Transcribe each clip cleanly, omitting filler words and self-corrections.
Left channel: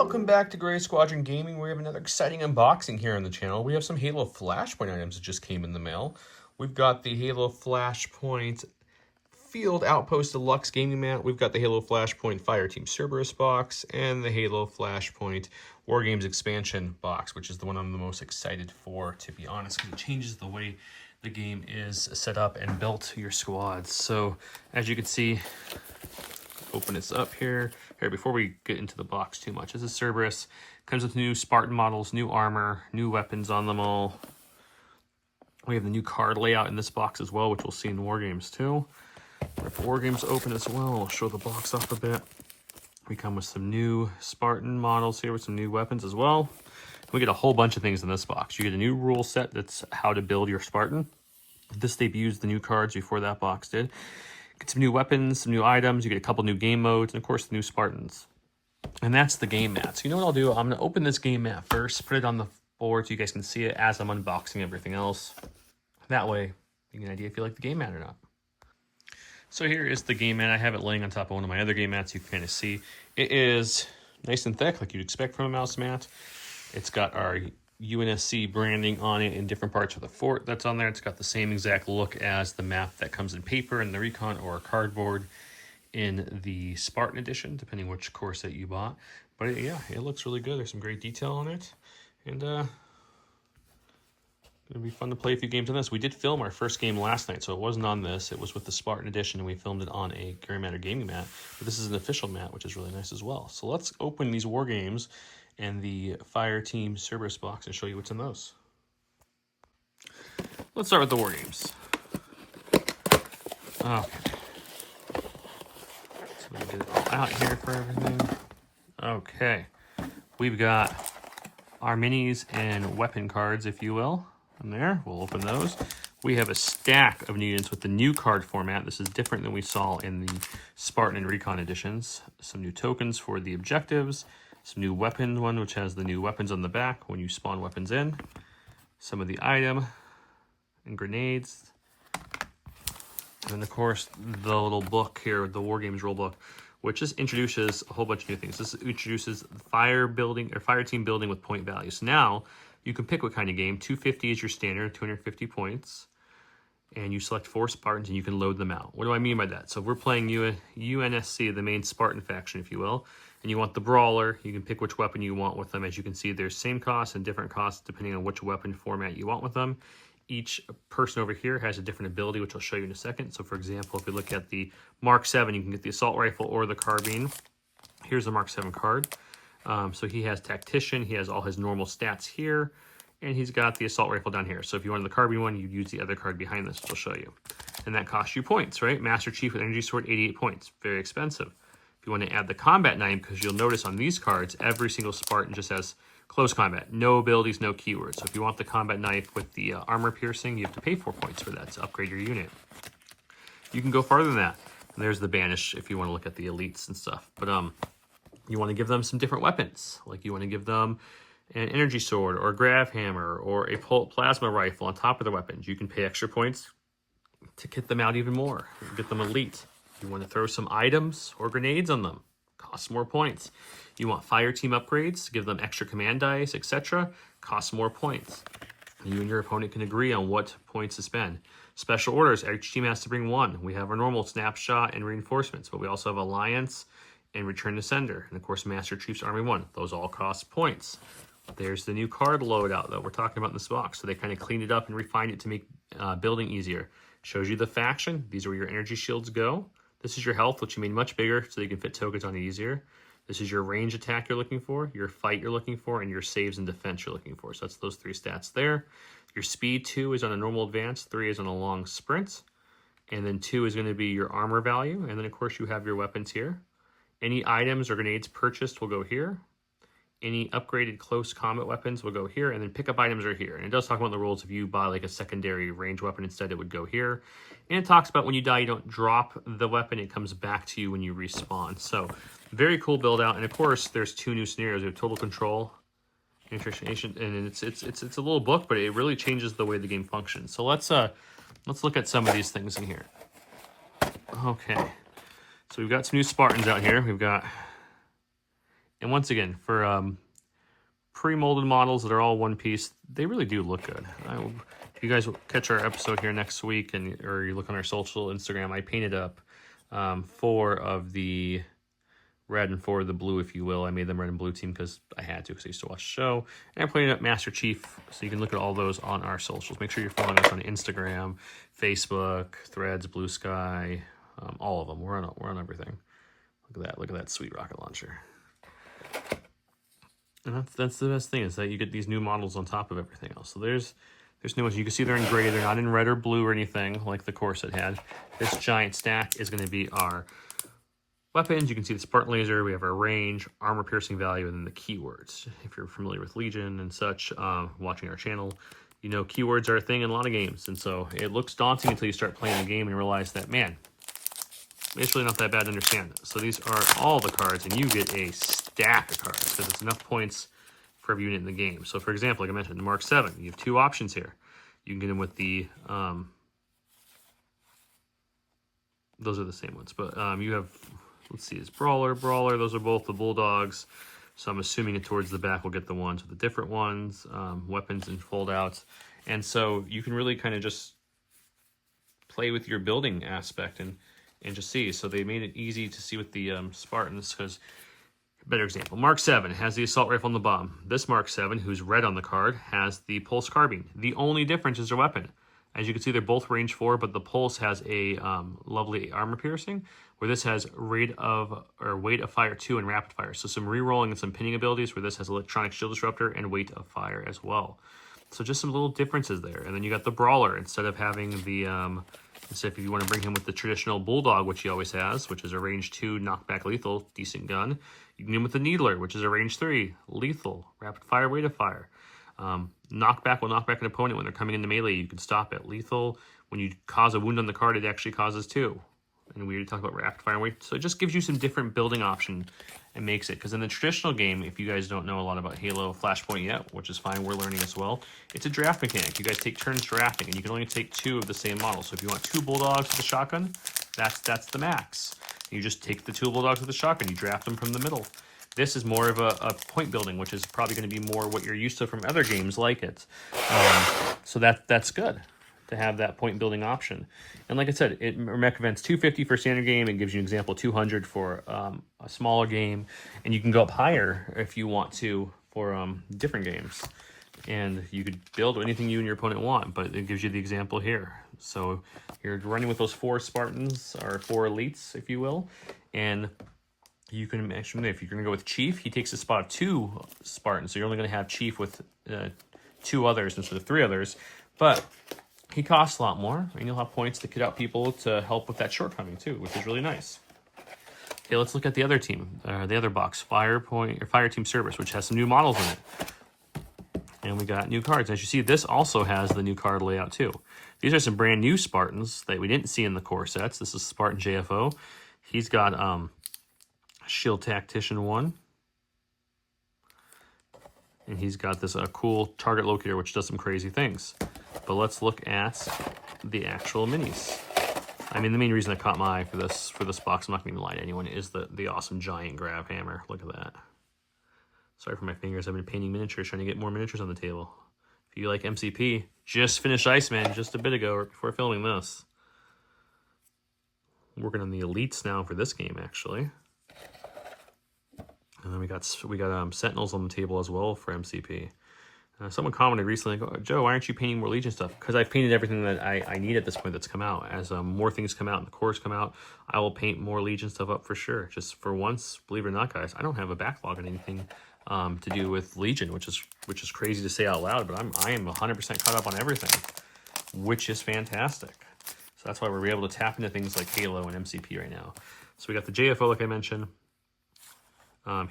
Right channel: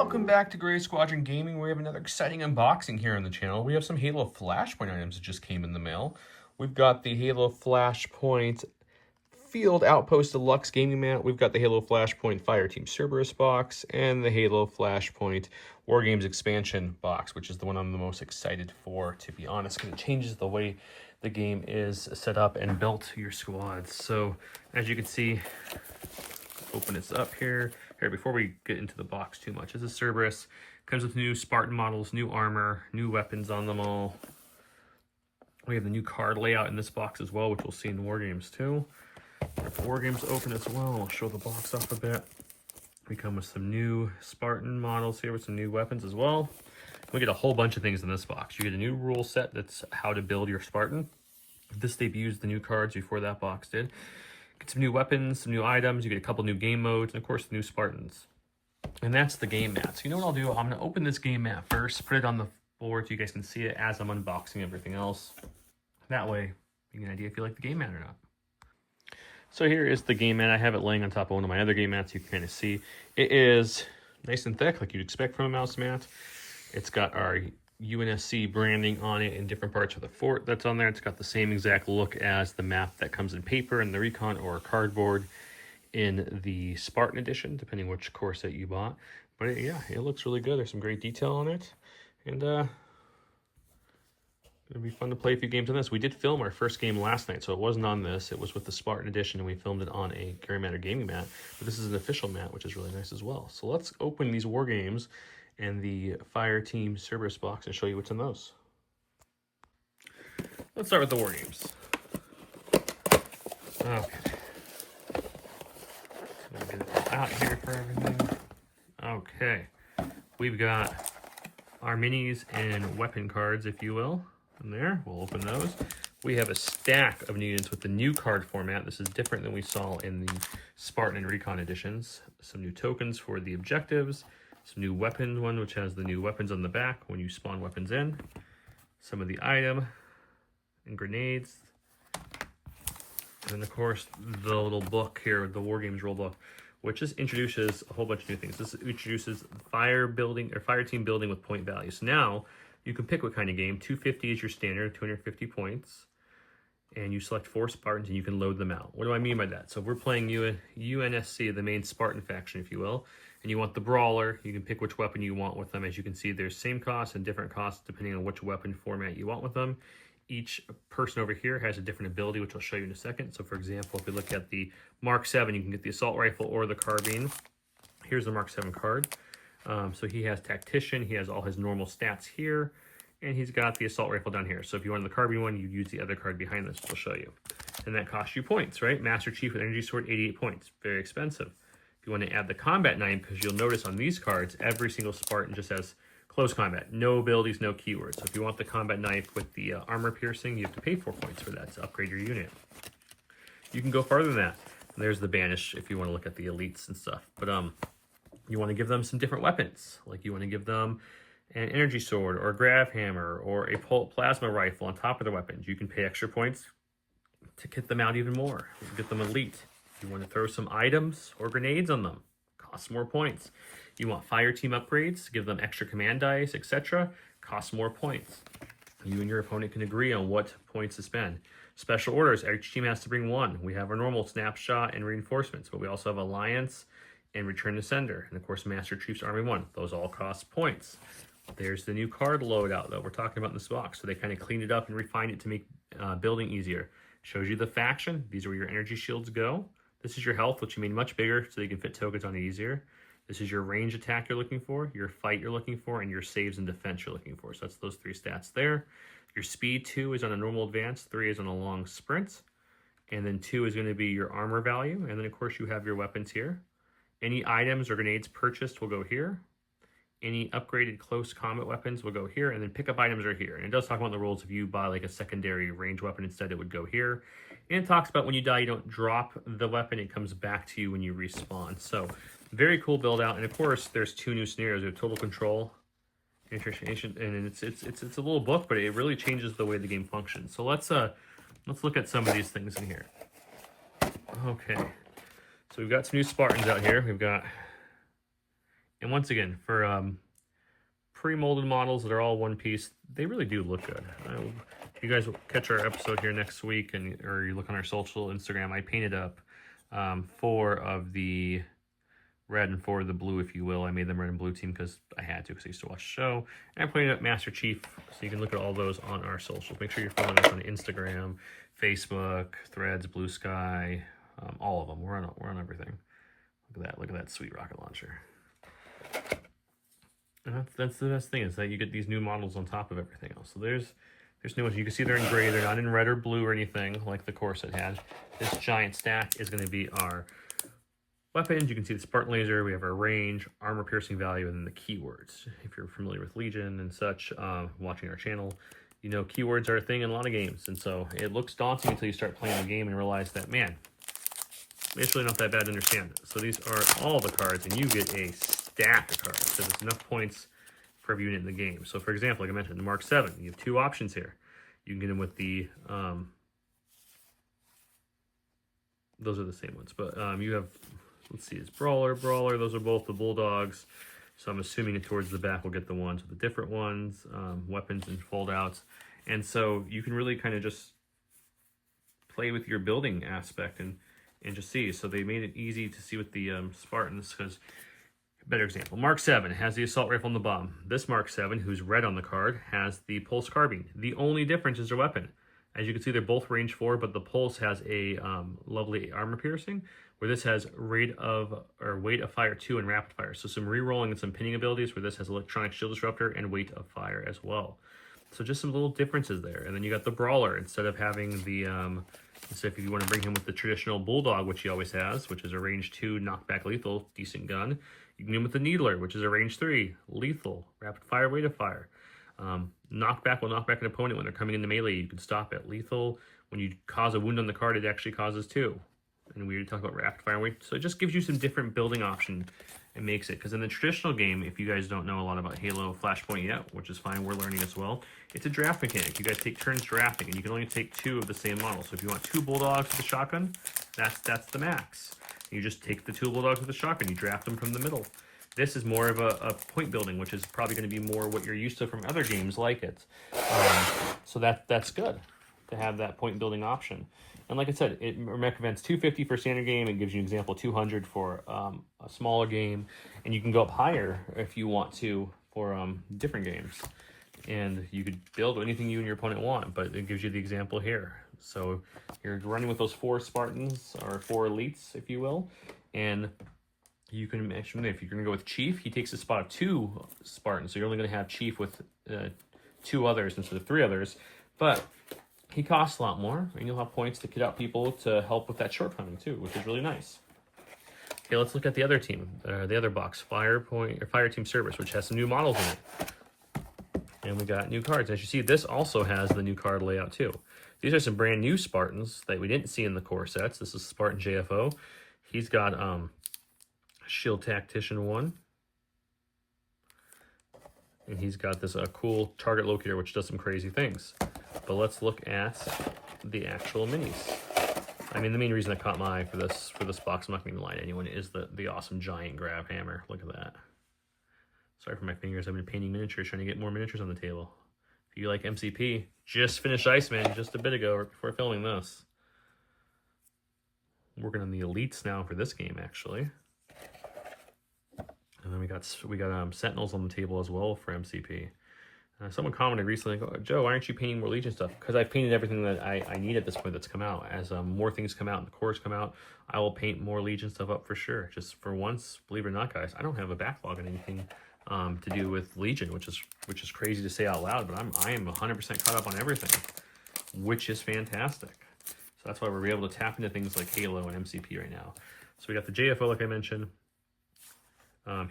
Welcome back to Gray Squadron Gaming. We have another exciting unboxing here on the channel. We have some Halo Flashpoint items that just came in the mail. We've got the Halo Flashpoint Field Outpost Deluxe Gaming Mat. We've got the Halo Flashpoint Fireteam Cerberus box and the Halo Flashpoint War Games Expansion box, which is the one I'm the most excited for, to be honest, because it changes the way the game is set up and built your squads. So as you can see, open this up here. Before we get into the box too much, this is Cerberus. Comes with new Spartan models, new armor, new weapons on them all. We have the new card layout in this box as well, which we'll see in War Games too. If War Games open as well, I'll show the box off a bit. We come with some new Spartan models here with some new weapons as well. We get a whole bunch of things in this box. You get a new rule set that's how to build your Spartan. This debuts the new cards before that box did. Get some new weapons, some new items, you get a couple new game modes, and of course the new Spartans. And that's the game mat. So you know what I'll do? I'm going to open this game mat first, put it on the board so you guys can see it as I'm unboxing everything else. That way you get an idea if you like the game mat or not. So here is the game mat. I have it laying on top of one of my other game mats. You can kind of see it is nice and thick like you'd expect from a mouse mat. It's got our UNSC branding on it in different parts of the fort that's on there. It's got the same exact look as the map that comes in paper in the Recon or cardboard in the Spartan edition, depending which core set you bought. But yeah, it looks really good. There's some great detail on it. And it'll be fun to play a few games on this. We did film our first game last night, so it wasn't on this. It was with the Spartan edition, and we filmed it on a Gary Matter gaming mat. But this is an official mat, which is really nice as well. So let's open these War Games and the Fireteam Cerberus box and show you what's in those. Let's start with the War Games. Okay. So we get it out here for everything. Okay. We've got our minis and weapon cards, if you will, in there. We'll open those. We have a stack of units with the new card format. This is different than we saw in the Spartan and Recon editions. Some new tokens for the objectives. Some new weapon one, which has the new weapons on the back when you spawn weapons in. Some of the item and grenades. And then, of course, the little book here, the War Games rule book, which just introduces a whole bunch of new things. This introduces fire team building with point values. Now, you can pick what kind of game. 250 is your standard, 250 points. And you select 4 Spartans and you can load them out. What do I mean by that? So if we're playing UNSC, the main Spartan faction, if you will, and you want the Brawler, you can pick which weapon you want with them. As you can see, there's same costs and different costs depending on which weapon format you want with them. Each person over here has a different ability, which I'll show you in a second. So for example, if we look at the Mark 7, you can get the assault rifle or the carbine. Here's the Mark 7 card. So he has Tactician, he has all his normal stats here, and he's got the assault rifle down here. So if you wanted the carbine one, you'd use the other card behind this, which I'll show you. And that costs you points, right? Master Chief with Energy Sword, 88 points. Very expensive. If you want to add the combat knife, because you'll notice on these cards, every single Spartan just has close combat. No abilities, no keywords. So if you want the combat knife with the armor piercing, you have to pay 4 points for that to upgrade your unit. You can go farther than that. There's the Banish if you want to look at the elites and stuff. But you want to give them some different weapons. Like you want to give them an energy sword or a grav hammer or a plasma rifle on top of their weapons. You can pay extra points to get them out even more. Get them elite. You want to throw some items or grenades on them. Costs more points. You want fire team upgrades, give them extra command dice, etc. Costs more points. You and your opponent can agree on what points to spend. Special orders, each team has to bring 1. We have our normal snapshot and reinforcements, but we also have alliance and return to sender. And of course, Master Chief's Army 1. Those all cost points. There's the new card loadout that we're talking about in this box. So they kind of cleaned it up and refined it to make building easier. Shows you the faction. These are where your energy shields go. This is your health, which you made much bigger so you can fit tokens on it easier. This is your range attack you're looking for, your fight you're looking for, and your saves and defense you're looking for. So that's those 3 stats there. Your speed 2 is on a normal advance, 3 is on a long sprint, and then 2 is going to be your armor value. And then of course you have your weapons here. Any items or grenades purchased will go here. Any upgraded close combat weapons will go here, and then pickup items are here. And it does talk about the rules. If you buy like a secondary range weapon instead, it would go here. And it talks about when you die, you don't drop the weapon. It comes back to you when you respawn. So very cool build out. And of course, there's 2 new scenarios. There's Total Control, Infiltration, and it's a little book, but it really changes the way the game functions. So let's look at some of these things in here. Okay, so we've got some new Spartans out here. We've got And once again, for pre-molded models that are all one piece, they really do look good. If you guys will catch our episode here next week, or you look on our social Instagram, I painted up 4 of the red and 4 of the blue, if you will. I made them red and blue team because I had to, because I used to watch the show. And I painted up Master Chief, so you can look at all those on our socials. Make sure you're following us on Instagram, Facebook, Threads, Blue Sky, all of them. We're on everything. Look at that! Look at that sweet rocket launcher. And that's the best thing, is that you get these new models on top of everything else. So there's new ones. You can see they're in gray. They're not in red or blue or anything like the core set had. This giant stack is going to be our weapons. You can see the Spartan laser. We have our range, armor piercing value, and then the keywords. If you're familiar with Legion and such, watching our channel, you know keywords are a thing in a lot of games. And so it looks daunting until you start playing the game and realize that, man, it's really not that bad to understand. So these are all the cards, and you get a stack of cards because it's enough points for every unit in the game. So for example, like I mentioned, the Mark 7, you have 2 options here. You can get them with the, those are the same ones, but you have, let's see, it's Brawler, those are both the Bulldogs. So I'm assuming that towards the back we'll get the ones with the different ones, weapons and foldouts. And so you can really kind of just play with your building aspect and just see. So they made it easy to see with the Spartans, because, better example, Mark 7 has the assault rifle on the bottom. This Mark 7, who's red on the card, has the pulse carbine. The only difference is their weapon. As you can see, they're both range 4, but the pulse has a lovely armor piercing, where this has weight of fire 2 and rapid fire. So some re-rolling and some pinning abilities, where this has electronic shield disruptor and weight of fire as well. So just some little differences there. And then you got the Brawler, instead of having the, so if you want to bring him with the traditional Bulldog, which he always has, which is a range 2 knockback lethal, decent gun. You can get him with the Needler, which is a range 3 lethal, rapid fire, weight of fire. Knockback will knock back an opponent when they're coming into melee. You can stop it. Lethal, when you cause a wound on the card, it actually causes 2. And we already talked about rapid fire weight. So it just gives you some different building option and makes it. Because in the traditional game, if you guys don't know a lot about Halo Flashpoint yet, which is fine, we're learning as well, it's a draft mechanic. You guys take turns drafting, and you can only take 2 of the same model. So if you want 2 Bulldogs with a shotgun, that's the max. You just take the 2 Bulldogs with a shotgun, you draft them from the middle. This is more of a point building, which is probably going to be more what you're used to from other games like it. So that's good to have that point building option. And like I said, it recommends 250 for standard game. It gives you an example 200 for a smaller game, and you can go up higher if you want to for different games. And you could build anything you and your opponent want, but it gives you the example here. So you're running with those 4 Spartans, or 4 elites, if you will, and you can actually, if you're going to go with Chief, he takes the spot of 2 Spartans. So you're only going to have Chief with 2 others instead of 3 others. But he costs a lot more, and you'll have points to kit out people to help with that shortcoming too, which is really nice. Okay, let's look at the other team, the other box, Fireteam Cerberus, which has some new models in it. And we got new cards. As you see, this also has the new card layout too. These are some brand new Spartans that we didn't see in the core sets. This is Spartan JFO. He's got Shield Tactician 1. And he's got this cool target locator, which does some crazy things. But let's look at the actual minis. I mean, the main reason that caught my eye for this box, I'm not going to lie to anyone, is the awesome giant grab hammer. Look at that. Sorry for my fingers. I've been painting miniatures, trying to get more miniatures on the table. If you like MCP, just finished Iceman just a bit ago before filming this. I'm working on the elites now for this game, actually. And then we got Sentinels on the table as well for MCP. Someone commented recently, Joe, why aren't you painting more Legion stuff? Because I've painted everything that I need at this point that's come out. As more things come out and the cores come out, I will paint more Legion stuff up for sure. Just for once, believe it or not, guys, I don't have a backlog on anything to do with Legion, which is crazy to say out loud, but I am 100% caught up on everything, which is fantastic. So that's why we're able to tap into things like Halo and MCP right now. So we got the JFO, like I mentioned.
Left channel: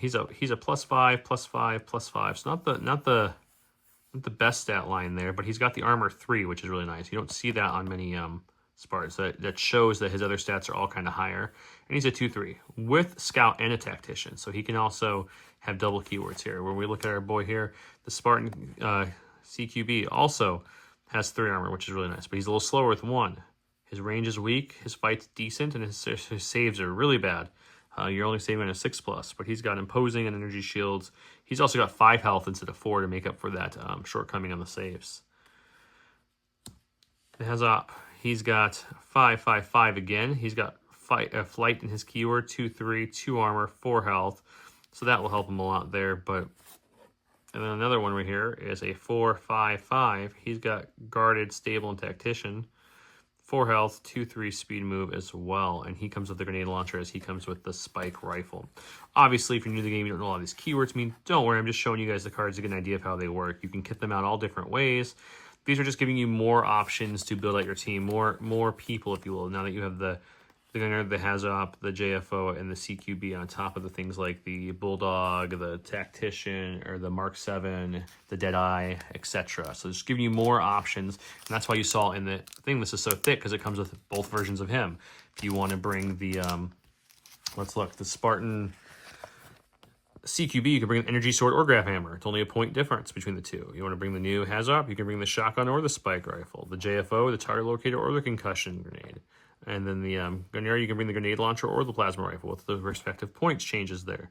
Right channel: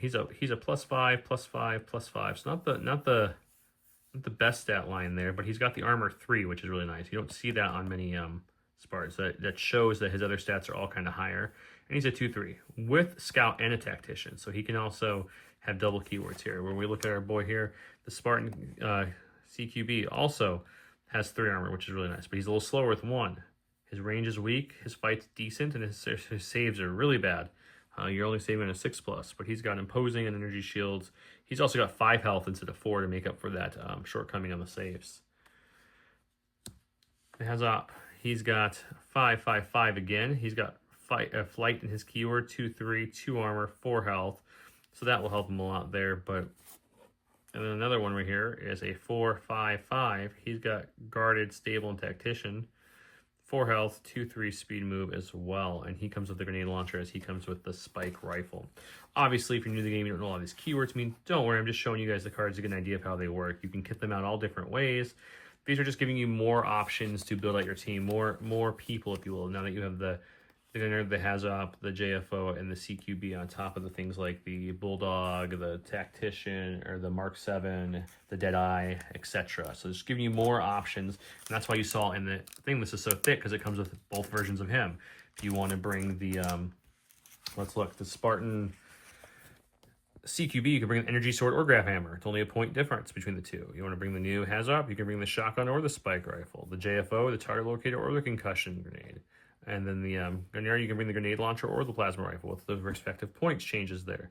He's a +5, +5, +5. So not the best stat line there, but he's got the armor 3, which is really nice. You don't see that on many Spartans. That shows that his other stats are all kind of higher. And he's a 2-3 with Scout and a Tactician. So he can also have double keywords here. When we look at our boy here, the Spartan CQB also has 3 armor, which is really nice. But he's a little slower with 1. His range is weak, his fight's decent, and his saves are really bad. You're only saving a 6+, but he's got imposing and energy shields. He's also got 5 health instead of 4 to make up for that shortcoming on the saves. He's got 5, 5, 5 again. He's got flight in his keyword, 2, 3, 2 armor, 4 health. So that will help him a lot there. But and then another one right here is a 4, 5, 5. He's got guarded, stable, and tactician. 4 health, 2, 3 speed move as well. And he comes with the grenade launcher as he comes with the spike rifle. Obviously, if you're new to the game, you don't know all these keywords mean. Don't worry, I'm just showing you guys the cards to get an idea of how they work. You can kit them out all different ways. These are just giving you more options to build out your team, more people, if you will. Now that you have the Gunner, the Hazop, the JFO, and the CQB on top of the things like the Bulldog, the Tactician, or the Mark 7, the Deadeye, etc. So it's giving you more options, and that's why you saw in the thing this is so thick, because it comes with both versions of him. If you want to bring the, let's look, the Spartan CQB, you can bring an energy sword or grab hammer. It's only a point difference between the two. You want to bring the new Hazop, you can bring the shotgun or the spike rifle. The JFO, the target locator, or the concussion grenade. And then the Gunner, you can bring the grenade launcher or the plasma rifle with the respective points changes there.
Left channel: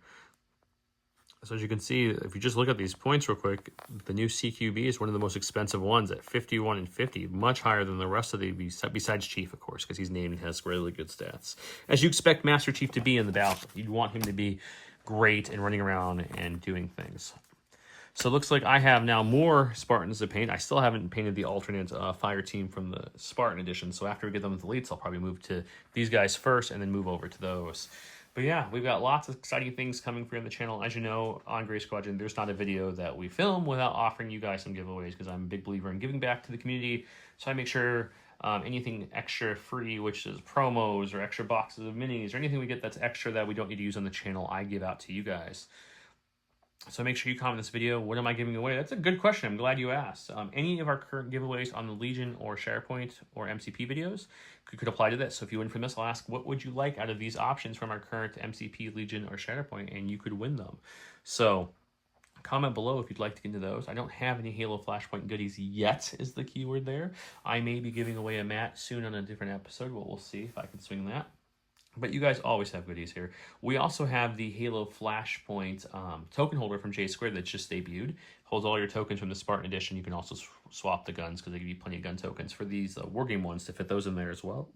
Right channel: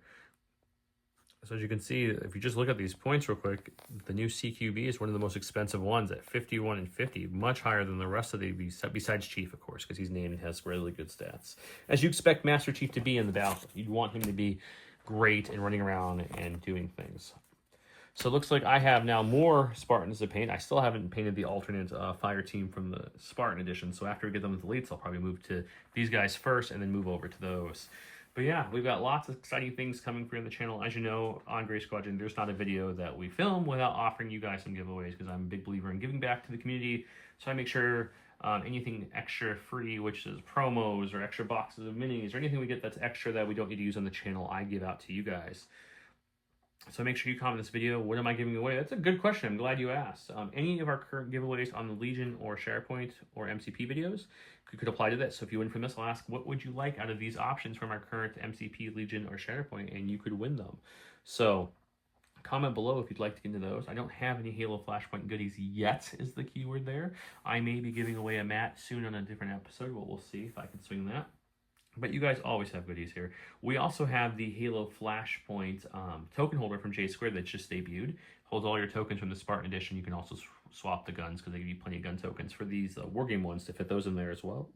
So as you can see, if you just look at these points real quick, the new CQB is one of the most expensive ones at 51 and 50, much higher than the rest of the, besides Chief, of course, because he's named and has really good stats. As you expect Master Chief to be in the battle. You'd want him to be great and running around and doing things. So it looks like I have now more Spartans to paint. I still haven't painted the alternate Fireteam from the Spartan edition. So after we get them with the elites, I'll probably move to these guys first and then move over to those. But yeah, we've got lots of exciting things coming for you on the channel. As you know, on Grey Squadron, there's not a video that we film without offering you guys some giveaways, because I'm a big believer in giving back to the community. So I make sure anything extra free, which is promos or extra boxes of minis or anything we get that's extra that we don't need to use on the channel, I give out to you guys. So make sure you comment this video. What am I giving away? That's a good question. I'm glad you asked. Any of our current giveaways on the Legion or SharePoint or MCP videos could apply to this. So if you win from this, I'll ask, what would you like out of these options from our current MCP, Legion, or SharePoint, and you could win them. So comment below if you'd like to get into those. I don't have any Halo Flashpoint goodies yet, is the keyword there. I may be giving away a mat soon on a different episode. Well, we'll see if I can swing that. But you guys always have goodies here. We also have the Halo Flashpoint token holder from J Squared that's just debuted. Holds all your tokens from the Spartan edition. You can also swap the guns, because they give you plenty of gun tokens for these Wargame ones to fit those in there as well.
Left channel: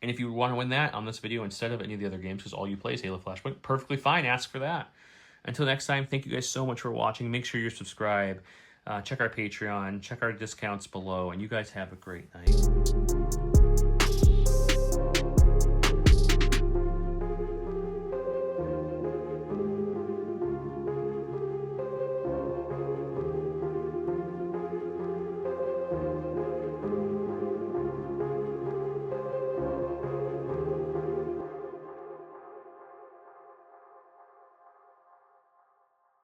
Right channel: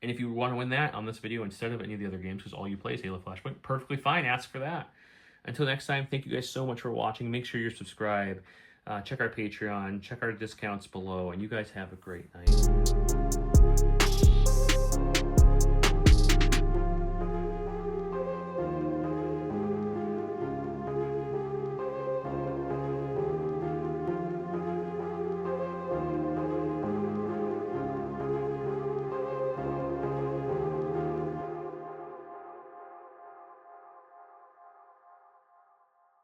And if you want to win that on this video instead of any of the other games, because all you play is Halo Flashpoint, perfectly fine, ask for that. Until next time, thank you guys so much for watching. Make sure you're subscribed. Check our Patreon. Check our discounts below. And you guys have a great night.